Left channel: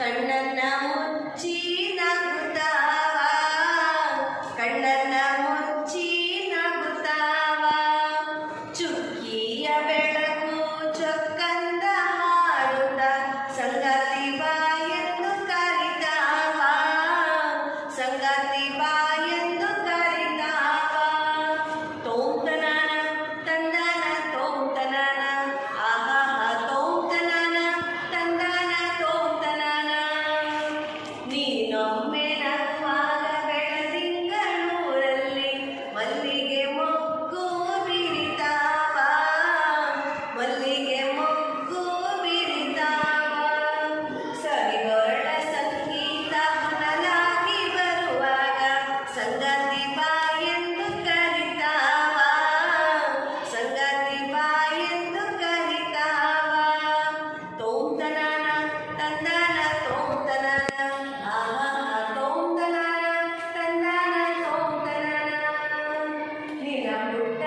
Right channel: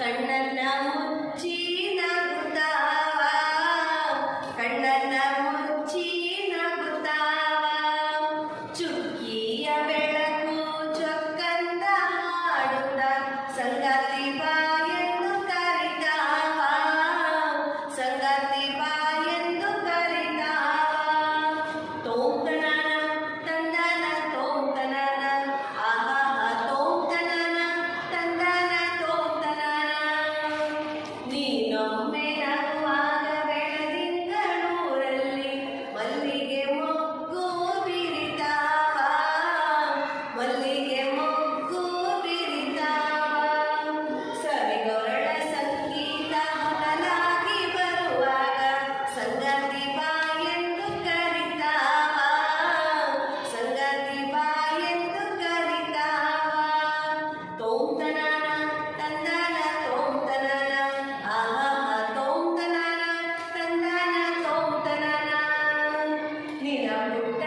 ಕಣ್ಣನ್ನ ಮುಚ್ಚಿ ನಗುತ್ತಾವ ಕಣ್ಣನ್ನ ಮುಚ್ಚಿ ನಗುತ್ತಾವ ಚುಕ್ಕಿಯ ಬೆಳಕು 力量用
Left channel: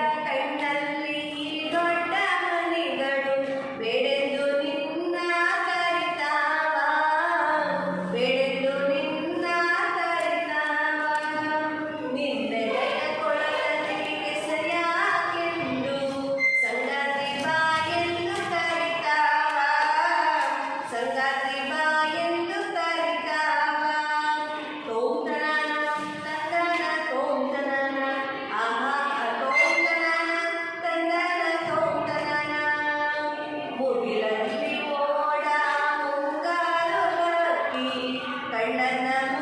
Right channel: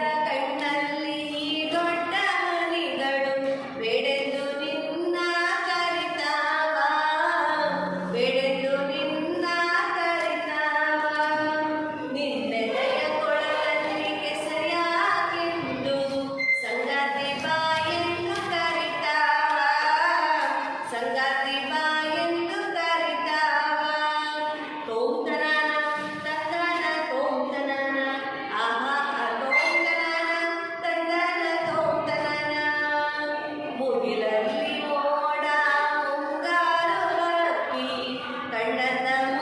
வளர்ந்த